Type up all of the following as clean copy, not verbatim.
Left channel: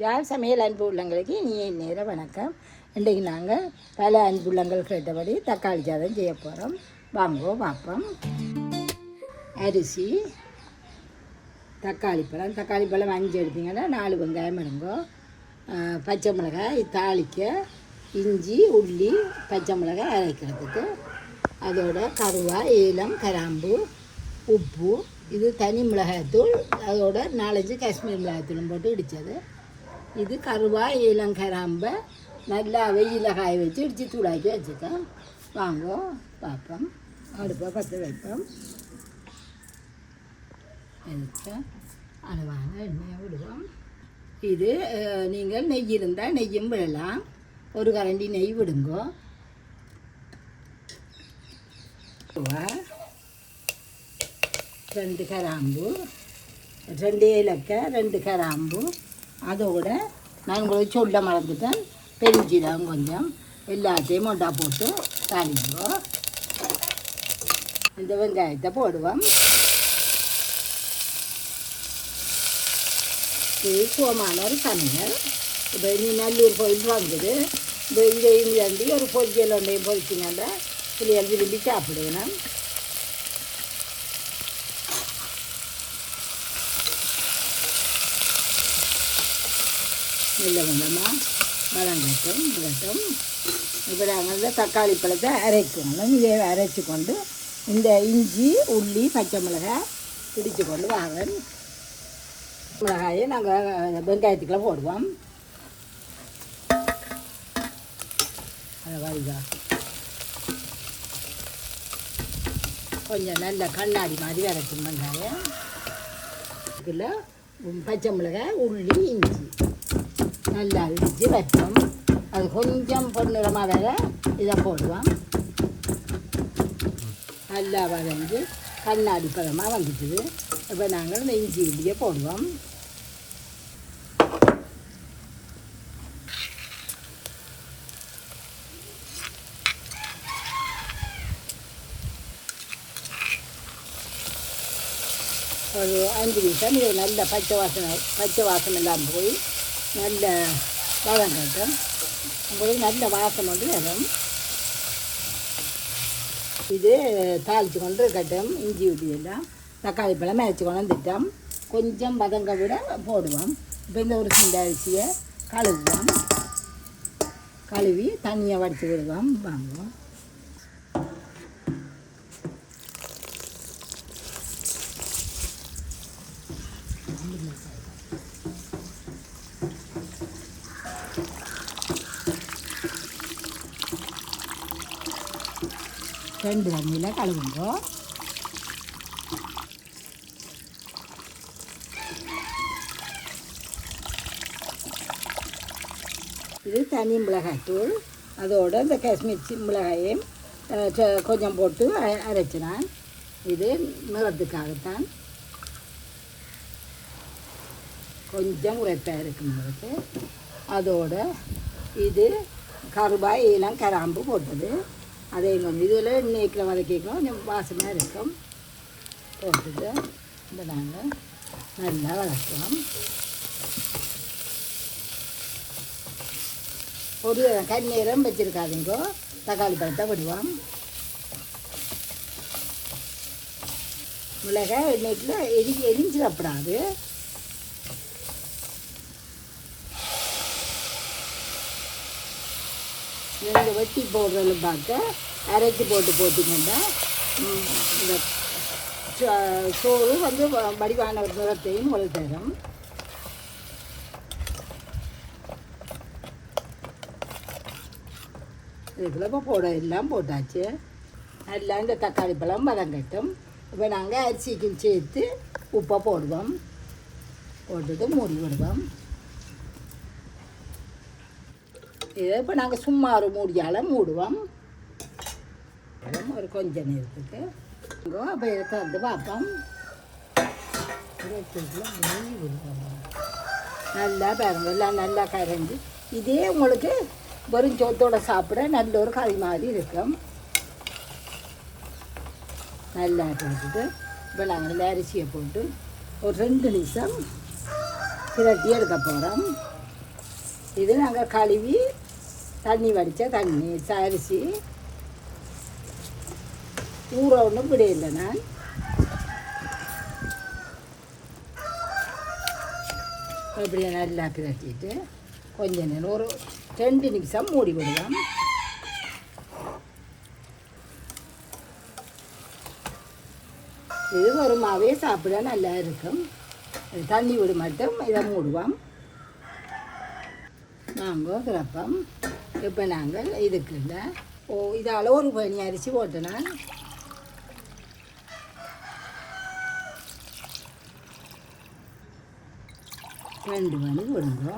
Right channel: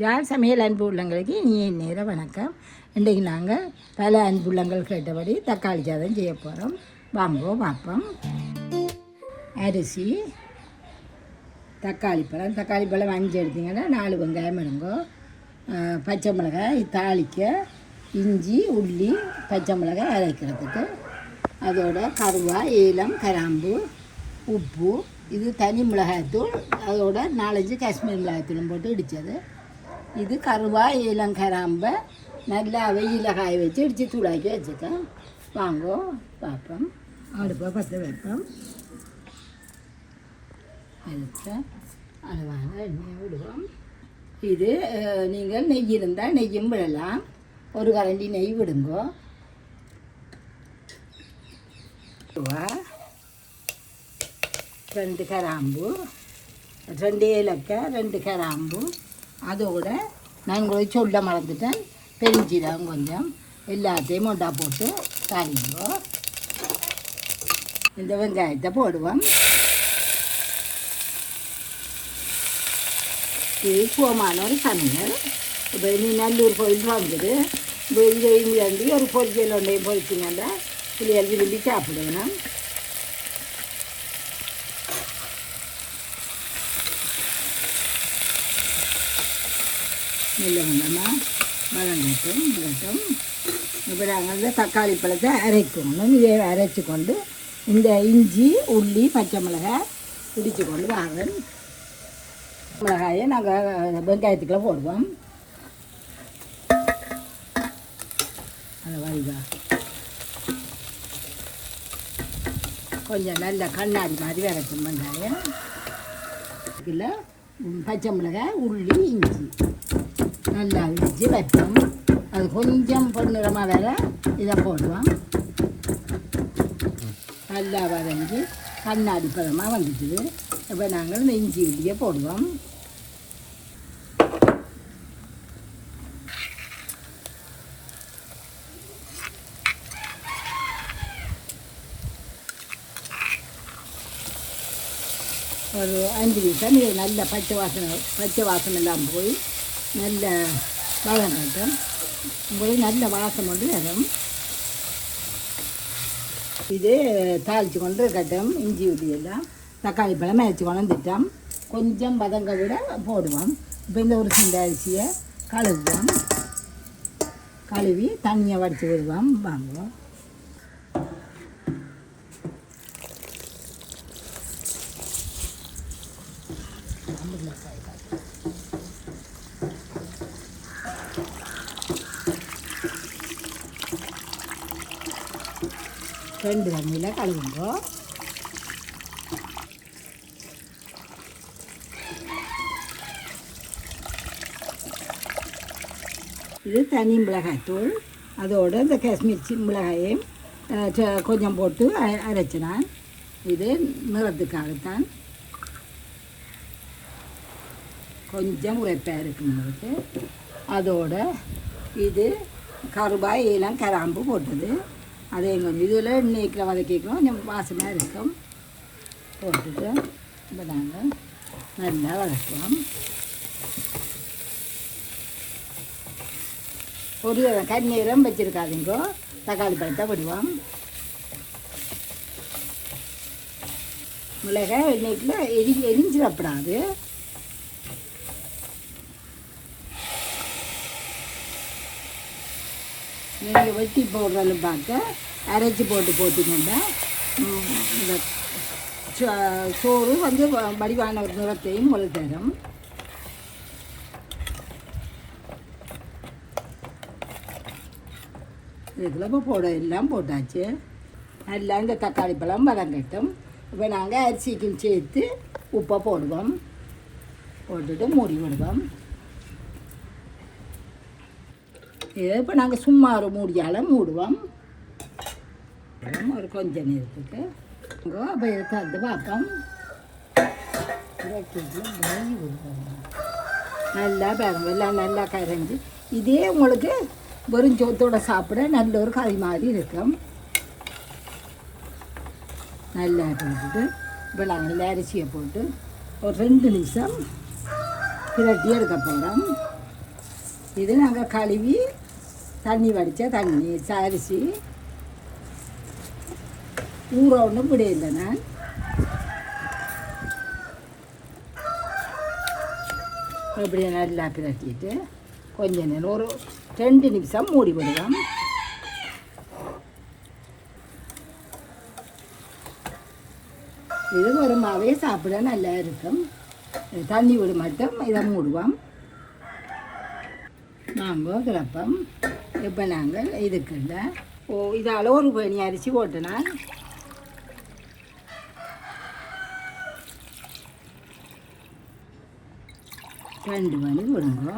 ஜால் சமையல் அன்பு உள்ளங்களுக்கு நீ நேர வணக்கம். இன்றைக்கு நாங்கள் பல அன்பு உள்ளங்கள் கேட்டபடி தக்காளி சாதம் செய்ய போகிறோம். வாங்கோ பார்ப்போம். அரிசி, தக்காளி பழம் 5 எடுத்தீங்கன்னா 4 வெங்காயம் எடுங்கோ, பச்சை மிளகாய் தாளிக்க, இஞ்சி உள்ளி பச்சை மிளகாய் அரைக்கிறதுக்கு, அதோட கருவாய் ஏலம் கிராம்பு உப்பு, இது தனி மிளகாய்த்தூள், அதோட 4-5 காஷ்மீர் மிளகாய்த்தூளும் போட்டு இடித்தது. இது கருவாய் ஏலம் கிராம்பை நல்லா வெயில காய வச்சு இடித்து தூளாக்கி வச்சுக்கேன். வாங்கோ பார்ப்போம். அடுப்பை பற்ற வைப்போம். எடுத்து அளவான எண்ணெயை விடுவோம். இது நீங்கள் நெய் இருந்தால் நெய்யும் விடலாம். ஒரு கரண்டி நெய் விடுங்கோ. 2 கிராம்பு, 2 ஏலக்காய், 2 கிராம்பு, அதோட நான் வச்சு உள்ள மறந்துட்டேன். பெருஞ்சீரகம் கொஞ்சம், எல்லாத்தையும் ஒன்றா போட்டு தாளிப்போம். இந்த வெங்காயத்தை போடுவோம். இது சோமான ஒரு சமையல். இப்போ நீ நல்லூர் கோயில் போகுது. இதையும் வேண்டி ஒரு பொரிச்சல் ஒன்றையும் பொரிச்சினால பிள்ளைகள் விரும்பி சாப்பிடுவேன். நல்ல கொஞ்சமாக வளங்கட்டும். இப்போ நாங்கள் தக்காளி பழத்தை அரைக்கணும். இதை அரைச்சி கொண்டு இந்த இஞ்சி உள்ளி பச்சை மிளகாய் பிடிச்சி கொண்டு வாங்க. மிளகாயை நாங்கள் வெங்காயத்துக்குள்ள போடுவோம். வைகா கொஞ்சம் நல்ல கண்ணாடி மாதிரி வரைக்கும் வெங்காயம். இதுக்குள்ள பச்சை மிளகாய் உள்ளி இஞ்சி நல்லா இடித்து வைப்போம். அது கொஞ்சம் பொன்னிறமாக வேற இதை போடுவோம். நல்லா வரைஞ்சி கண்ணாடி பழமாக வந்துட்டுது. இப்போ நாங்கள் இஞ்சி உள்ளியை போடுவோம். ஒரு 5 நிமிஷம் இது நல்ல பச்சை வாசனை எல்லாம் போய் நல்ல வளங்கட்டும். போய் நல்ல வாசனை வந்து வரும். இது தாளித்து கொண்டு இருக்கட்டும். இஞ்சி உள்ளியெல்லாம் தக்காளி பழம் மேய்ச்சி கொண்டு திட்டம் கொஞ்சம் வதங்க விட போடுவோம். இப்போ இந்த ஒரு சிந்த அரிசியை கழுவி தண்ணியை வடித்து விடுவோம். வாங்குவோம். ரெண்டு தண்ணியில் கழுவுங்கோ. இது தனி மிளகாய்த்தூள், அதோட இந்த காஷ்மீர் மிளகாயும் கொஞ்சம் போட்டு அரைச்சினான். இது நிறத்துக்காகத்தான், கொஞ்சம் உரைப்பாக இருக்குங்களுக்கு. அதோட இது கருவாய் ஏலம் கிராம்பு போட்டது. அதே மாதிரி இதில் இன்னைக்கு வதக்கிக்கும் கொஞ்சம் வாசமாக இருக்கும். போட்டுட்டு இந்த நாங்கள் நல்லா வளர்க்கலாம். ஒரு கண்ணீரம் வச்சுருக்காதீங்கோ. தக்காளி பழத்தை விடுவோம். மிளகாய் இன்னைக்குள்ள எரிஞ்சிடப்படாது. நீங்கள் வெட்டி போடுறது பார்க்க அரைச்சி போட்டிங்கன்னா சோறு வந்து வடிவான ஒரு நிறத்தையும் உங்களுக்கு தரும். இதில் இப்போ எல்லாம் போட்டாச்சு. நல்லா இந்த தக்காளி பழம் வதங்கட்டும். இப்போ நாங்கள் அரிசிக்கும் சேர்த்து உப்பை போடுவோம். போட்டுட்டு மூடி விடுவோம். இதை இப்போ நாங்கள் சும்மா ஒரு மூடியால் மூடுவோம். ஒரு கொஞ்சம் நேரத்துக்கு அப்போ இதை தந்து பார்ப்போம். நல்லா பாருங்க, எல்லாம் நல்லா கரைஞ்சி இதே உங்களுக்கு வெறும் சோத்தோட சாப்பிட நல்ல ஒரு கறி மாதிரி இருக்கும். நல்லா போட்டுட்டு இப்போ நாங்கள் அரிசியை போட்டு ஒரு 2 நிமிஷம் பிரட்டி எடுக்க போகிறோம். இது நாங்கள் கழுவி தண்ணி வடித்த தண்ணி அரிசி ஊற ஒன்றும் விடையில்லை நான். இப்படியே நல்லா பிரட்டிட்டு கொஞ்ச நேரம் ஒரு 2 நிமிஷம் மூடி விடுவோம். இது வருமாவே சாப்பிட நல்லா இருக்கும். தண்ணி விட மட்டும் இதை மூடுவோம். நாங்கள் கிடப்போம். இப்போ நாங்கள் இதுக்குள்ள இதால் ஒரு பனி அரிசி போட்டோன்னா 2 மணி விடுங்க.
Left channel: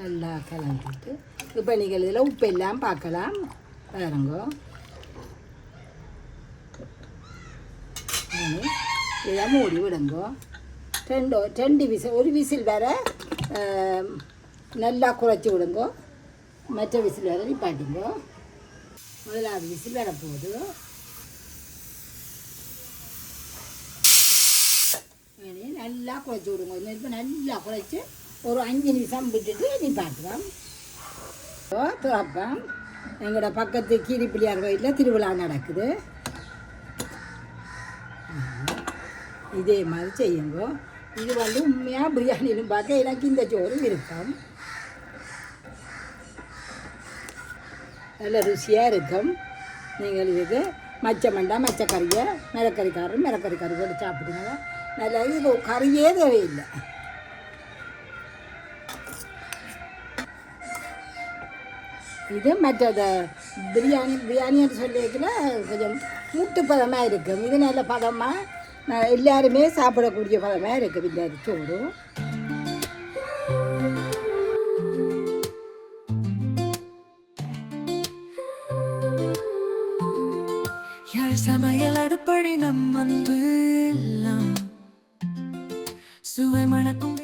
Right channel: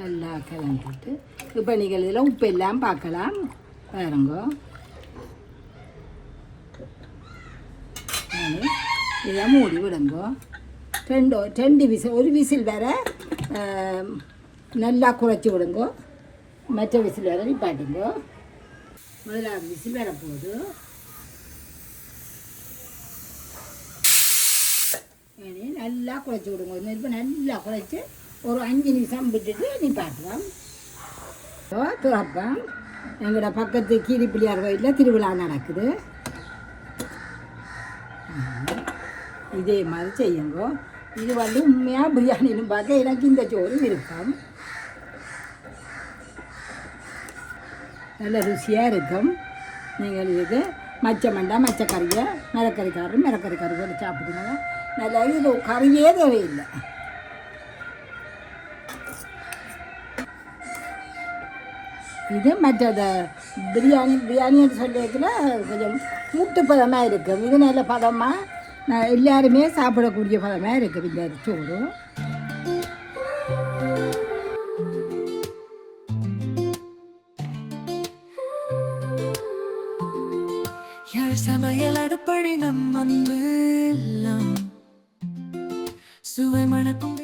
நல்லா கிளம்பிட்டு இப்போ நீங்கள் இதில் உப்பு எல்லாம் பார்க்கலாம் பாருங்க. இதை மூடி விடுங்க. 2 விசில், ஒரு விசில் வேற நல்லா குறைச்சி விடுங்க. மற்ற விசில் வேற நிப்பாட்டுங்க. முதலாவது விசில் வர போகுது. நல்லா குறைச்சி விடுங்க. நெருப்பு நல்லா குறைச்சி ஒரு 5 நிமிஷம் விட்டுட்டு நிப்பாட்டுவோம். திறப்போம். எங்களோட பக்கத்து கீரி பிள்ளையார் கோயிலில் திருவிழா நடக்குது. இதே மாதிரி செய்யுங்க. இது உண்மையாக பிரியாணின்னு பார்த்து எனக்கு இந்த சோறு இருக்கும். நல்ல ருசியாக இருக்கும். நீங்கள் இதுக்கு மச்சமண்டா மச்சக்கறியை மிளக்கறி கறி சாப்பிடுங்க. நல்லா இது கறியே தேவையில்லை. இது மற்றது பிரியாணின்னு சொல்லியிருக்கல கொஞ்சம் மூட்டு பதமாக இருக்கும். இது நல்ல பதமாக எல்லாருமே சாப்பிடக்கூடிய பதமாக இருக்குது இந்த சோறு. யார் சமையல் அடுப்படி நம் அன்பு எல்லாம் சுவை மணக்கும்